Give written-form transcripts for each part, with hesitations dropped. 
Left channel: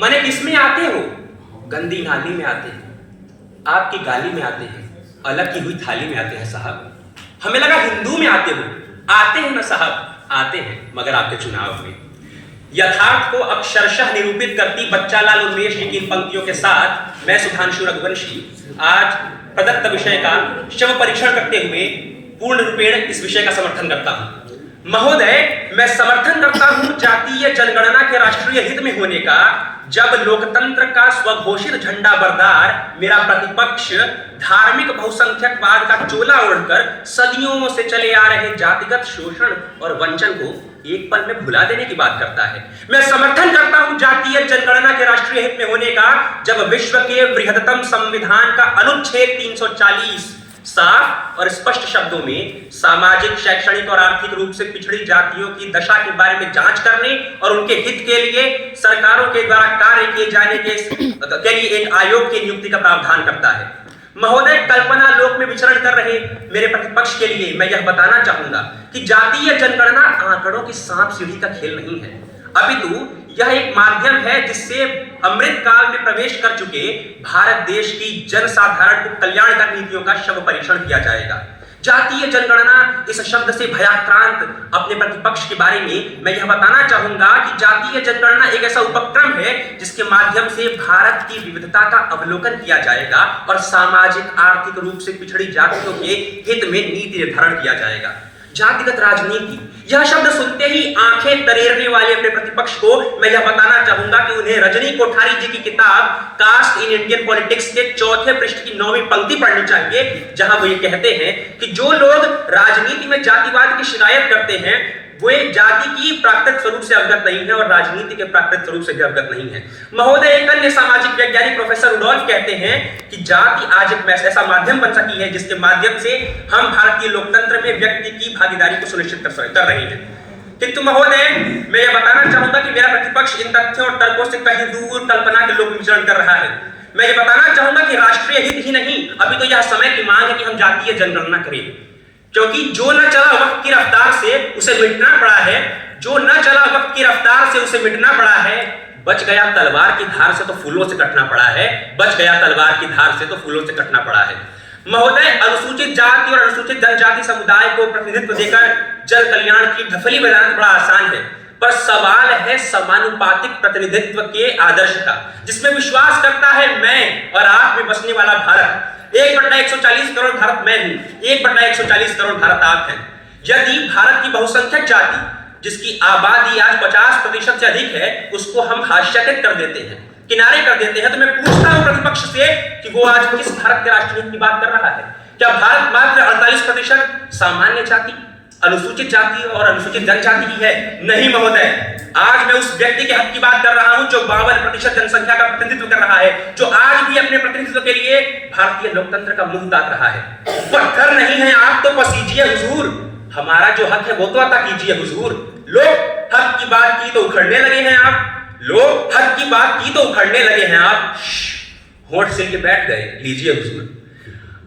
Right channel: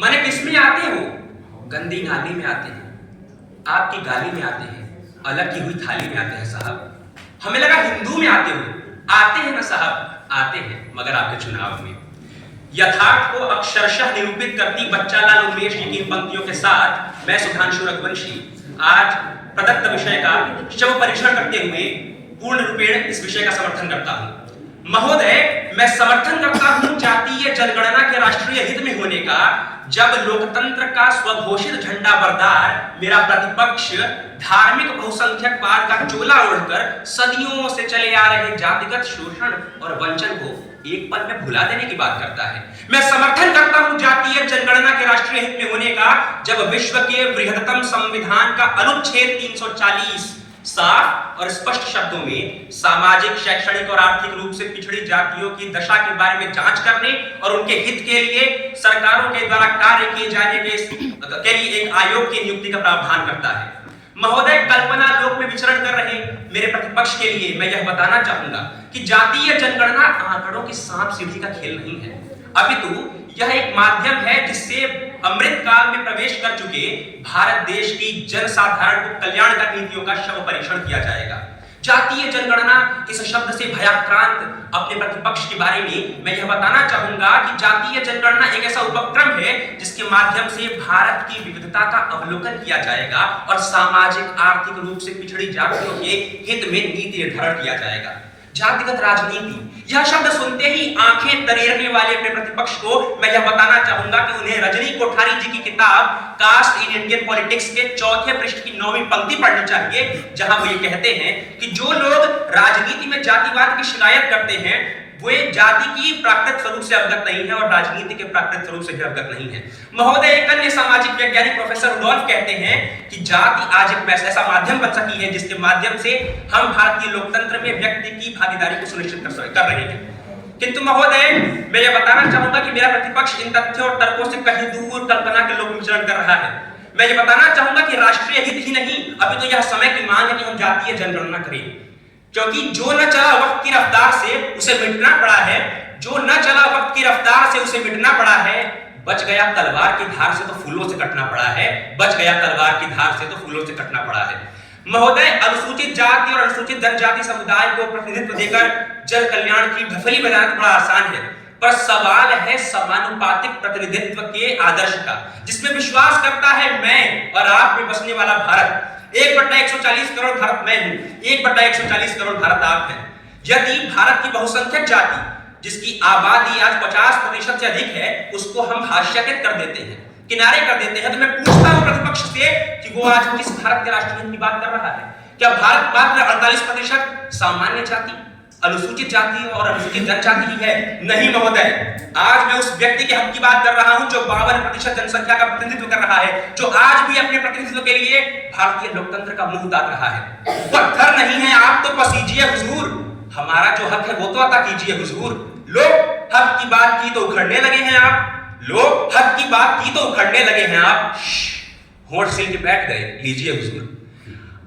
माने किसमें आते हो? गंदी नाली में आते हैं, आपकी गाली में आते हैं, अलग की हुई थाली में आते हैं साहब। हमें लगा हिंदू में आते हो। आते हैं ना साहब, आते हैं, मगर आपके चुनाव में। यथार्थ को अक्षरशः निरूपित करती बच्चालाल उमेश की इन पंक्तियों के साथ मैं सुधांशु रघुवंशी आज प्रदत्त विषय का शव परीक्षण करते हुए पूर्ण रूपेण इस विषय का समर्थन करता हूं। महोदय, मैं समर्थन करता हूं जातीय जनगणना के राष्ट्रीय हित में होने का, जब लोकतंत्र का स्वघोषित झंडा बरदार मेरा प्रतिपक्ष धार्मिक बहुसंख्यकवाद का चोला ओढ़कर सदियों से चले आ रहे जातिगत शोषण और वंचन को एक पल में भुला देने की बात करता है। मैं समर्थन करता हूं जातीय जनगणना के राष्ट्रीय हित में होने का, जब विश्व के बृहत्तम संविधान का अनुच्छेद 340 साफ और स्पष्ट शब्दों में सामाजिक, शैक्षणिक और आर्थिक रूप से पिछड़ी जातियों की दशा के बारे में जांच करने और उनके हित के लिए सरकारों के द्वारा कार्य किए जाने के लिए एक आयोग की नियुक्ति का प्रावधान करता है। महोदय, कल्पना लोक में विचरण कर रहे मेरे प्रतिपक्ष के लिए मैं यह बताना चाहूंगा कि जातीय जनगणना आंकड़ों की सांप सीढ़ी का खेल नहीं है, अपितु यह एक माध्यम है जिससे अमृत काल में प्रवेश कर चुके भारत देश की जनसाधारण को कल्याणकारी नीतियों का शव परीक्षण किया जाएगा। जातीय जनगणना इस शब्द से भयाक्रांत अपने प्रतिपक्ष के बारे में मैं यह बताना चाहूंगा कि जातीय जनगणना एक ऐसा उपक्रम है जिसके माध्यम से भारत की विविधता का अवलोकन किया जाएगा और सामाजिक, आर्थिक रूप से पिछड़ी जातियों के हित में नीति निर्धारण किया जाएगा। जातिगत राजनीति, यह शब्द सुनते ही आंखें तरेरने वाले अपने प्रतिपक्ष को मैं यह बताना चाहूंगा कि उन्हें रजनी कोठारी जी की किताब कास्ट इन इंडियन पॉलिटिक्स के 4वें पृष्ठ की 9वीं पंक्ति पढ़नी चाहिए, जहां वो ये कहते हैं कि जो लोग राजनीति में जातिवाद की शिकायत करते हैं वो एक जाति की प्राकृतिक स्वरूप से अवगत नहीं है और राजनीति के प्राकृतिक स्वरूप से भी अवगत नहीं है। महोदय, एक अन्य सामाजिक वैज्ञानिक प्रोफेसर रुडोल्फ कहते हैं कि जाति आज एक ऐसा माध्यम बन सकी है जिसके माध्यम से हम भारतीय लोकतंत्र में व्यक्ति की भागीदारी को सुनिश्चित कर रहे हैं। किंतु महोदय, मैं यह बताना चाहूंगा कि मेरा प्रतिपक्ष इन तथ्यों और तर्कों से कहीं दूर कल्पना के लोक में विचरण कर रहा है। मैं यह बताना चाहूंगा कि राष्ट्रीय हित ही नहीं, अभी तो यह समय की मांग है कि हम जातीय जनगणना करें, क्योंकि जो न चला वक्त की रफ्तार से उसे मिटना पड़ा है, जो न चला वक्त की रफ्तार से उसे मिटना पड़ा है। बच गया तलवार की धार से तो फूलों से कटना पड़ा है, बच गया तलवार की धार से तो फूलों से कटना पड़ा है। महोदय, अनुसूचित जाति और अनुसूचित जनजाति समुदाय को प्रतिनिधित्व देकर जन कल्याण की ढफली बनाना बड़ा आसान है, पर सवाल है समानुपातिक प्रतिनिधित्व के आदर्श का, जिसमें विश्वास करता है मैं और आप में बसने वाला भारत। 1/140 करोड़ भारत मैं हूं, 1/140 करोड़ भारत आप हैं। यदि भारत की बहुसंख्यक जाति जिसकी आबादी आज 50% से अधिक है उसको हम हास्यकृत कर देते हैं, किनारे कर देते हैं, तो मैं पूछता हूं प्रतिपक्ष से कि वो आज किस भारत के राष्ट्रीय हित की बात कर रहा है? क्या भारत मात्र 48% सामान्य जाति, अनुसूचित जाति और अनुसूचित जनजाति की है? नहीं महोदय, आज मैं उस व्यक्ति के हक की बात कर रहा हूं जो 52% जनसंख्या का प्रतिनिधित्व कर रहा है, जो आज भी अपने प्रतिनिधित्व के लिए भारतीय लोकतंत्र का मुंह ताक रहा है। पत्थर नहीं है आप तो पसीजिए हुजूर, हमारा जो हक है वो तो अता कीजिए हुजूर। लोग हक की बात की तो उखड़ने लगे हैं आप, लोग हक की बात की तो उखड़ने लगे हैं आप। होंठ सिल के बैठ गए, लीजिए हुजूर।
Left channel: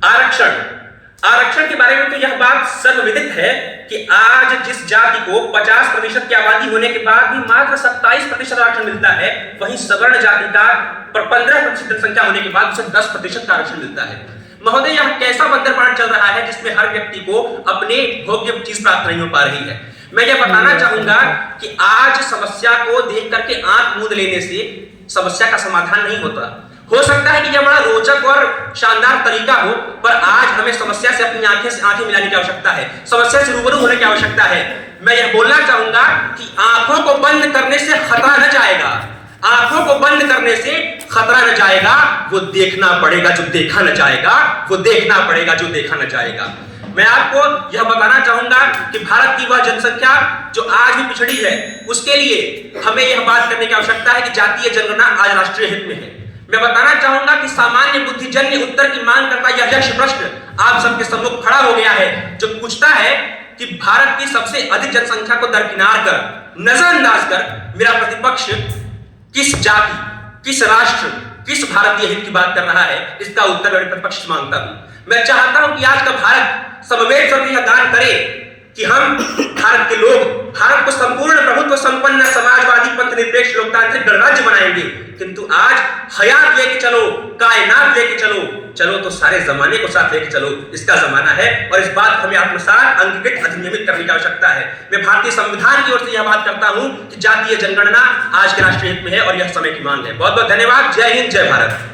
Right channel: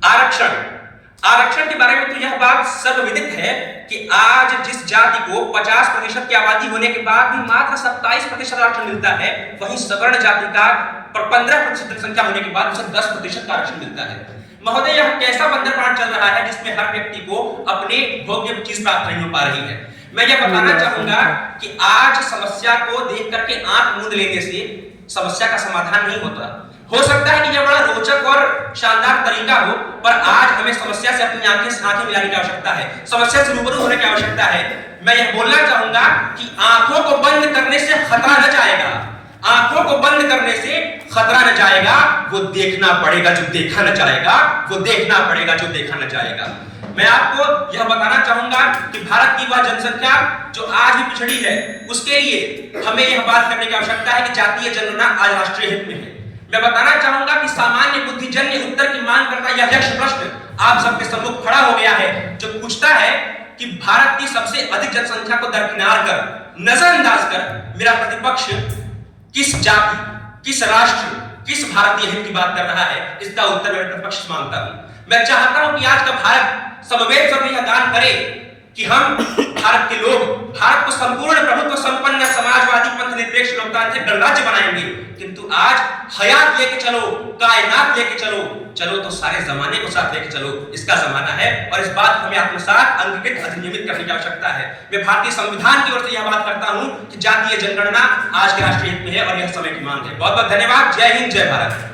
आरक्षण के बारे में तो यह बात सर्वविदित है कि आज जिस जाति को 50% की आबादी होने के बाद भी मात्र 27% आरक्षण मिलता है, वहीं सवर्ण जाति का 15% जनसंख्या होने के बाद उसे 10% का आरक्षण मिलता है। महोदय, यह कैसा बंदरपाट चल रहा है जिसमें हर व्यक्ति को अपने भोग्य चीज प्राप्त नहीं हो पा रही है। मैं यह बताना चाहूंगा कि आज समस्या को देख करके आंख मूंद लेने से समस्या का समाधान नहीं होता। हो सकता है कि यह बड़ा रोचक और शानदार तरीका हो, पर आज हमें समस्या से अपनी आंखें मिलाने की आवश्यकता है, समस्या से रूबरू होने की आवश्यकता है। मैं यह बोलना चाहूंगा कि आंखों को बंद करने से खतरा न जाएगा, आंखों को बंद करने से खतरा न जाएगा, वो देखना पड़ेगा जो देखा न जाएगा, वो देखना पड़ेगा जो देखा न जाएगा। मैं आपको यह बताना चाहूंगा कि भारत की वह जनसंख्या जो आज भी पिछड़ी है, उसके लिए हमें यह बात करने की आवश्यकता है कि जातीय जनगणना आज राष्ट्रीय हित में है। मैं बताना चाहूंगा कि सामान्य बुद्धिजन्य उत्तर की मांग करता यह यक्ष प्रश्न आप सबके सम्मुख खड़ा हो गया है, जो पूछता है कि भारत की सबसे अधिक जनसंख्या को दरकिनार कर, नजरअंदाज कर मेरा प्रतिपक्ष किस जाति, किस राष्ट्र, किस भारतीय हित की बात कर रहा है, इसका उत्तर मैं प्रतिपक्ष मांगता हूं। मैं चाहता हूं कि आज का भारत समवेत स्वर में यह गान करे कि हम भारत के लोग भारत को संपूर्ण प्रभुत्व संपन्न समाजवादी पंथ निरपेक्ष लोकतांत्रिक गणराज्य बनाएंगे, किंतु आज हयात लेके चलो, कायनात लेके चलो, चलो तो सारे जमाने को साथ लेके चलो, इसका जमाना है और इस बात को हमें आत्मसात अंगीकृत अधिनियमित करने की आवश्यकता है। मैं भारतीय संविधान की ओर से यह बात करता हूं कि जातीय जनगणना आज के राष्ट्रीय हित में है और यह समय की मांग है। बहुत बहुत धन्यवाद। जय हिंद, जय भारत।